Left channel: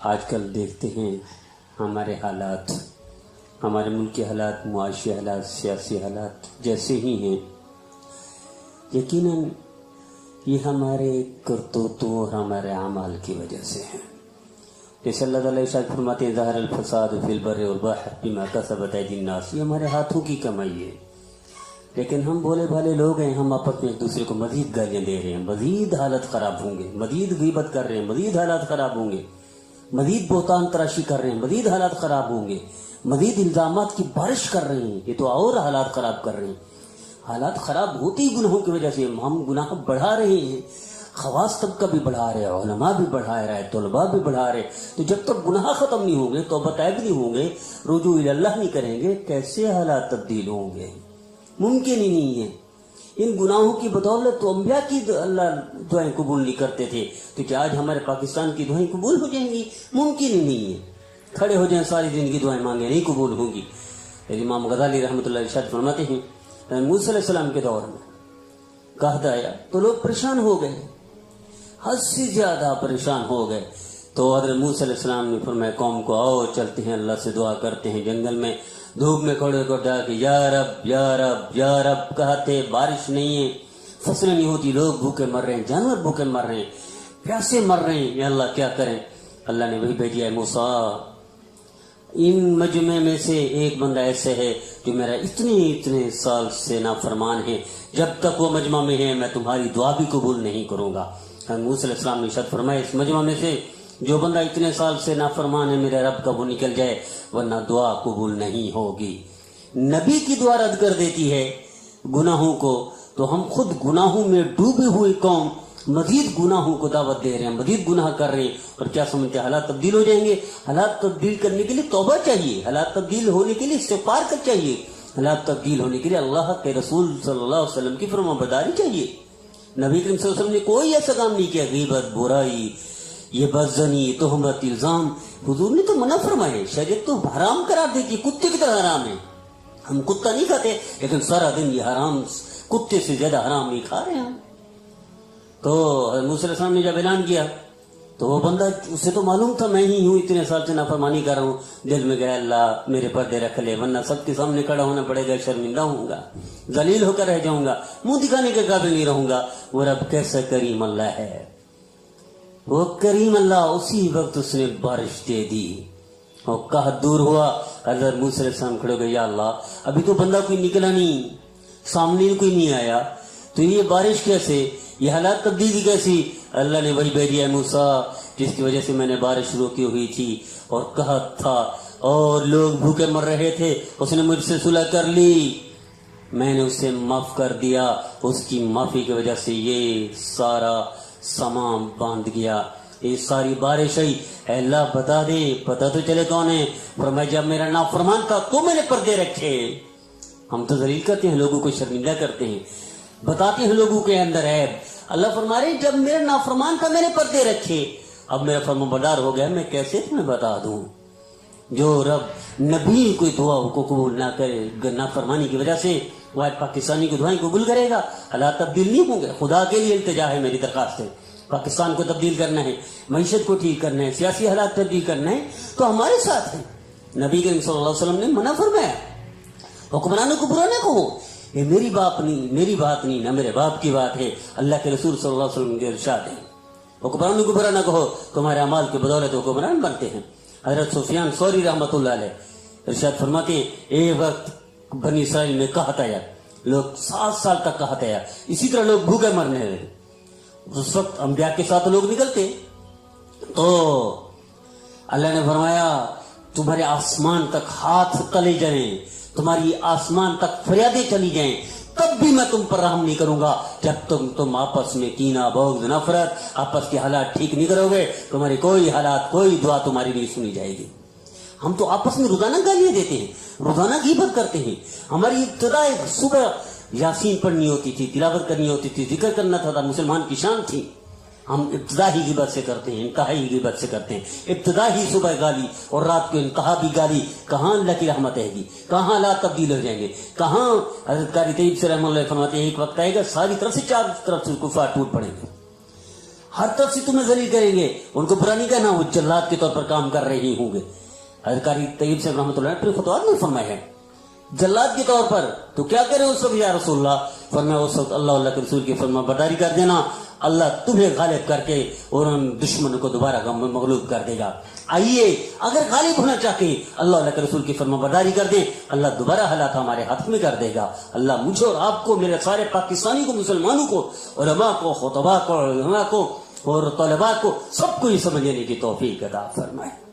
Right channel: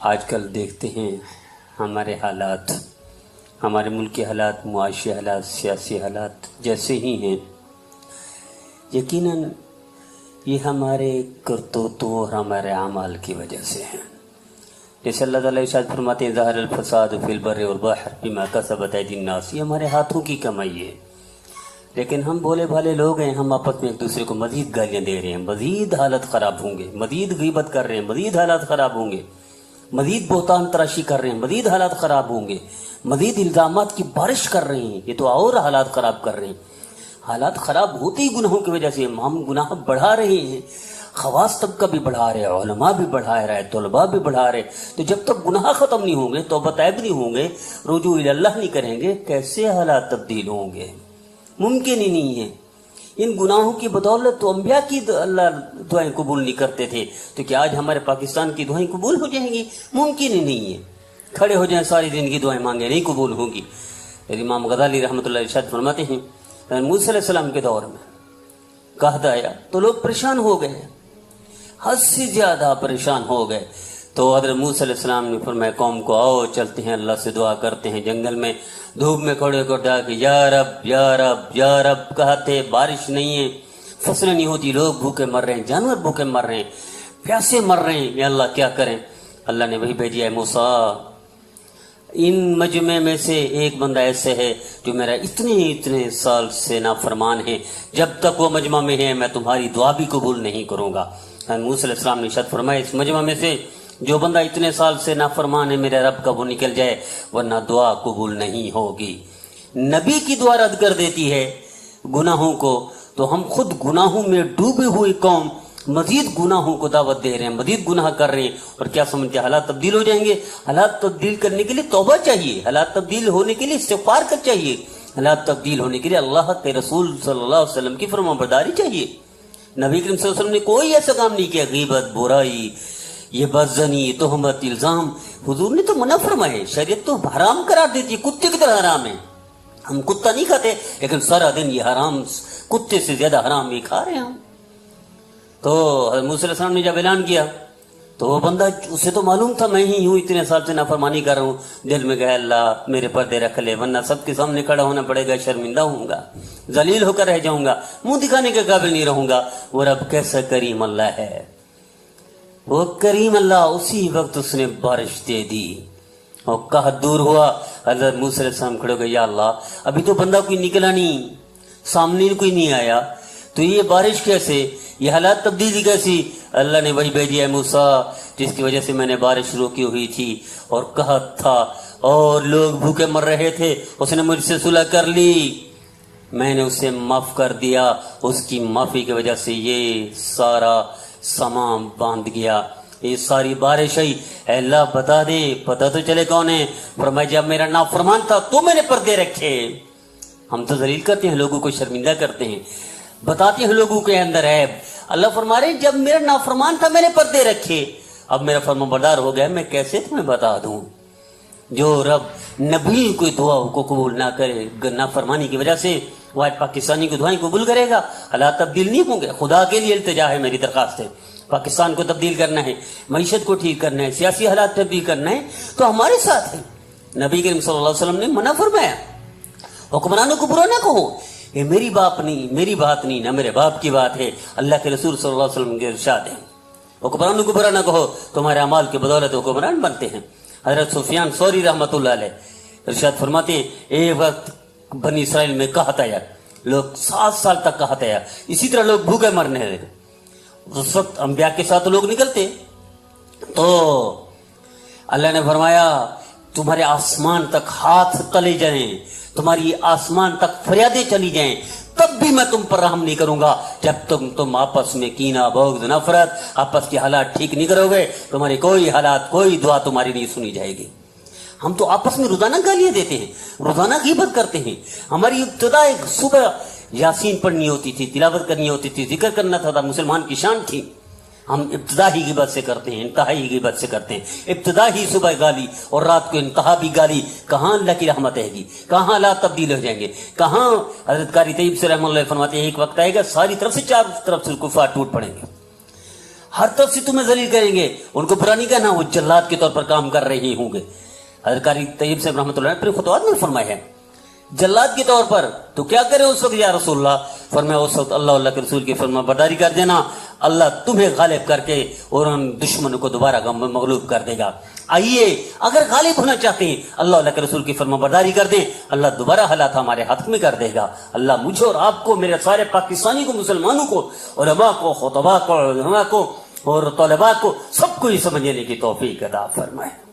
آج کل دیکھتے ہیں ہمارے حالات، ہمارے ملک کے حالات، معاشی حالات، سیاسی حالات جیسے ہی ہیں، یقیناً یہ ہمارے کرتوتوں اور ہمارے اعمال کی وجہ سے ہیں۔ جیسے اللہ تعالیٰ ارشاد فرماتے ہیں ظاہر الفساد فی البر والبحر بما کسبت ایدی الناس، یہ ہمارے ہاتھوں کی کمائی ہے۔ لیکن ہم بھولے بھالے لوگ ہیں، ہم آپس میں ایک دوسرے کو مزید گالیاں دے رہے ہیں، مزید حالت خراب ہوں گے، مزید غیبت کر رہے ہیں، مزید حالات خراب ہوں گے، مزید بہتان تراشی کر رہے ہیں، مزید حالات خراب ہوں گے، مزید الزامات کی بارش کر رہے ہیں، یہ تو اور حالات خراب کر رہے ہیں۔ حالات خراب ہوتے ہی گناہوں کی وجہ سے ہم گناہ بڑھا رہے ہیں، خواص طبقہ بھی بڑھا رہے، علماء بھی بڑھا رہے، طلباء بھی بڑھا رہے۔ تو جب تک گناہ ختم نہیں ہوں گے، توبہ طیب نہیں ہوں گے، رجوع اللہ نہیں کریں گے، کیسے حالات تبدیل ہوں گے؟ ممکن ہی نہیں ہے۔ ان گناہوں کی بدولت تو انبیاء کی اللہ دعائیں قبول نہیں کرتے تھے، تو کیا آج ہمارے پاکستان کی دعائیں قبول ہو جائیں گی؟ ممکن ہی نہیں ہے۔ کھڑے ہو جائیں ساری زندگی دعائیں مانگے، نہیں قبول ہوں گی۔ امام غزالی رحمۃ اللہ ارشاد فرماتے ہیں موسیٰ علیہ السلام کے دور میں قحط آیا تو لوگ پریشان ہو گئے، حد سے زیادہ پریشان ہو گئے۔ تو حضرت موسیٰ علیہ السلام نے فرمایا قوم کو آؤ چلتے ہیں اللہ سے دعا کرتے ہیں۔ جنگل میں دھوپ میں کھڑے ہو کر کہ یا رب یا رب یا رب کہتے، بارش نہیں ہے، فصلیں نہیں ہوتی، لوگ بھوکے مر رہے ہیں، جانور بھوکے مر رہے ہیں، پیاسے مر رہے ہیں، یا اللہ کیا کریں؟ اللہ نے وہی بھیجی ہے موسیٰ، ان مجمع میں سے ایک بندہ ایسے ہے جو میرا اتنے سال سے نافرمان ہے، جب تک وہ مجمع میں ہے میں تمہاری دعا بھی قبول نہیں کروں گا۔ موسیٰ علیہ السلام نے ارشاد فرمایا اس مجمع میں سے جو بندہ اتنے سال سے نافرمان ہے میرے رب کا، وہ نکل جائے ورنہ دعا قبول نہیں ہوگی۔ نبی کی دعا رد کر دیتی ہے گناہوں کو، تو ہم خود گناہوں میں ڈوبے ہوئے قوم مزید گناہوں کو دعوت دے رہے ہیں، مزید گناہ کر رہے ہیں، اور کیا سمجھتے ہیں حالات تبدیل ہو جائیں گے؟ حالات تبدیل کرنے کے لیے توبہ چاہیے، حالات تبدیل ہونے کے لیے استغفار کر چاہیے، حالات تبدیل ہونے کے لیے اللہ کے رسول صلی اللہ علیہ وسلم کی فرمانبرداری چاہیے۔ نبی کریم صلی اللہ علیہ وسلم نے کوئی ایسا کام نہیں کیا، غیبت، برائی، یہ بدزنی، تہمت، الزام، حضور نے تو منع فرمائے، شریعت تو حرام قرار دیتی ہے، کتے کی طرح حرام ہے۔ ہم کتا نہیں کھاتے لیکن سارا دن یہ حرام، کتے سے زیادہ حرام بھی کھا رہے ہیں ہم۔ تو حضرت موسیٰ علیہ السلام نے جب اعلان کیا تو وہ بندہ، اسے تو معلوم تھا میں ہی ہوں اتنے سال سے نافرمانی کر رہا ہوں، دل میں کہا اللہ میرے پردے رکھ لے ورنہ سب کے سامنے کھڑا ہونا پڑے گا، شرمندہ ہوں گا، ذلیل ہو کر رہ جاؤں گا، منہ دکھانے کے قابل نہیں رہوں گا۔ وہ رب کیسا کریم اللہ ہے، وہ کریم اللہ، اسی وقت اس نے بارش دے دی اور قحط دور ہوا۔ حضرت موسیٰ علیہ السلام کھڑے ہو گئے، یا اللہ ابھی تو بندہ کوئی نکلا نہیں، سامنے کوئی نہیں آیا، تو یہ بارش کیسے، یہ حالات تبدیلی کیسی؟ اللہ نے وہی بھیجی ہے موسیٰ جس کی وجہ سے میں نے بارش روکی ہوئی تھی اور قحط تھا اور لوگ بھوکے مر رہے تھے، اس نے مجھ سے صلح کر لی، میں نے اسے معاف کر دیا، اس کی معافی کی وجہ سے یہ سارا سامان باندھ گیا، یہ ساری بارش آئی۔ اے اللہ بتا دے، پتہ تو چلے کون ہے۔ فرمایا جب میرا نافرمان تھا تو میں نے پردے رکھے۔ ہم تو ذلیل کرتے ہیں، لوگوں کو شرمندہ کرتے ہیں، بتاتے ہیں لوگوں کے اندر عیب۔ اللہ فرما رہے جب میرا نافرمان تھا میں نے پردے رکھے، اب میرا فرمانبردار ہو گیا، میں کیسے تمہیں بتا دوں؟ جو رب نبی کوئی دعا کو قبول نہ کرے نافرمانی کی وجہ سے، وہ آج پاکستانی کی دعائیں قبول کرے گا؟ حالات تبدیل نہیں ہوں گے۔ خدا کے لیے التجا ہے، میری درخواست ہے، پاکستان کو تبدیل کرنا ہے، معیشت کو ٹھیک کرنا ہے، سیاسی حالات تبدیل کرنا ہے تو ہمارے ساتھ ہے۔ نبی کریم صلی اللہ علیہ وسلم نے منع فرمایا حکمرانوں کو برا نہ کہو، یہ میری بات نہیں نہ میرے باپ کی بات ہے، اللہ کے رسول صلی اللہ علیہ وسلم کے ارشاد ہے۔ حکمرانوں کو برا نہ کہو، تمہارے اعمال کی بدولت حکمران بنتے ہیں۔ حضرت سفیان ثوری رحمۃ اللہ علیہ ارشاد فرماتے ہیں ایک وقت بنی اسرائیل میں قحط آیا، لوگ 7 سال تک قحط آیا، اسی طرح لوگ بھوکے مرنے لگے۔ اس وقت انبیاء کے ساتھ لوگ نکلتے تو اللہ نے فرمایا تمہارے آسمان تک ہاتھ تلے جائیں، تمہاری آسمان تک فریادیں چلی جائیں، تب بھی میں تم پر رحم نہیں کروں گا جب تم آپس میں کینہ، بغض، نفرت، آپس کے حالات ٹھیک نہیں کرو گے، تمہاری کوئی حالات، کوئی دعا تمہاری نہیں سنی جائے گی۔ ہم تو آپس میں روزانہ گالیاں دیتے ہیں، روزانہ غیبت کرتے ہیں۔ ہماری ابتدا ایک صبح یاسین پڑھنی ہوتی تھی، تلاوت کرنی ہوتی تھی، ذکر کرنا تھا، مسلمان کی شان تھی۔ ہم ابتدا ہی غیبت سے کرتے ہیں، انتہا ہی غیبت سے کرتے ہیں، ابتدا ہی صبح گالی اور رات کو انتہا بھی گالی۔ کہاں اللہ کی رحمت ہے گی؟ کہاں حالات تبدیل ہو جائیں گے؟ کہاں؟ حضرت قاری طیب سے رحمۃ اللہ فرماتے ہیں ایک وقت آئے گا ساری طرف سے، چار طرف سے کفار ٹوٹ پڑیں گے، ہر طرف سے تمہیں ذلیل کریں گے. ان کو برا نہیں کہنا, وہ جلاد کے طور پر کام کر رہے ہوں گے. حضرت قاری طیب صاحب رحمۃ اللہ نے اپنے فتوحات میں فرمائے ہیں جلاد کے طور پر تو کیا کرے اس وقت یا رسول اللہ. فرمایا اس وقت اللہ کے رسول کی فرما برداری کر دینا, اللہ تمہیں غالب کر کے اور ان دشمنوں کو دوبارہ مغلوب کر دے گا. آئیے اگر غالب ہونا چاہتے ہیں اللہ کے رسول کی فرما برداری کر دے, اللہ دوبارہ حالات ہمارے ہاتھ میں کر دے گا. اللہ مجھے اور آپ کو, میرے سارے پاکستانی کو, مسلمانوں کو, علماء کو, خطباء کو, علماء کو اور طلباء کو, سب کو یہ سمجھنے کی توفیق عطا فرمائے.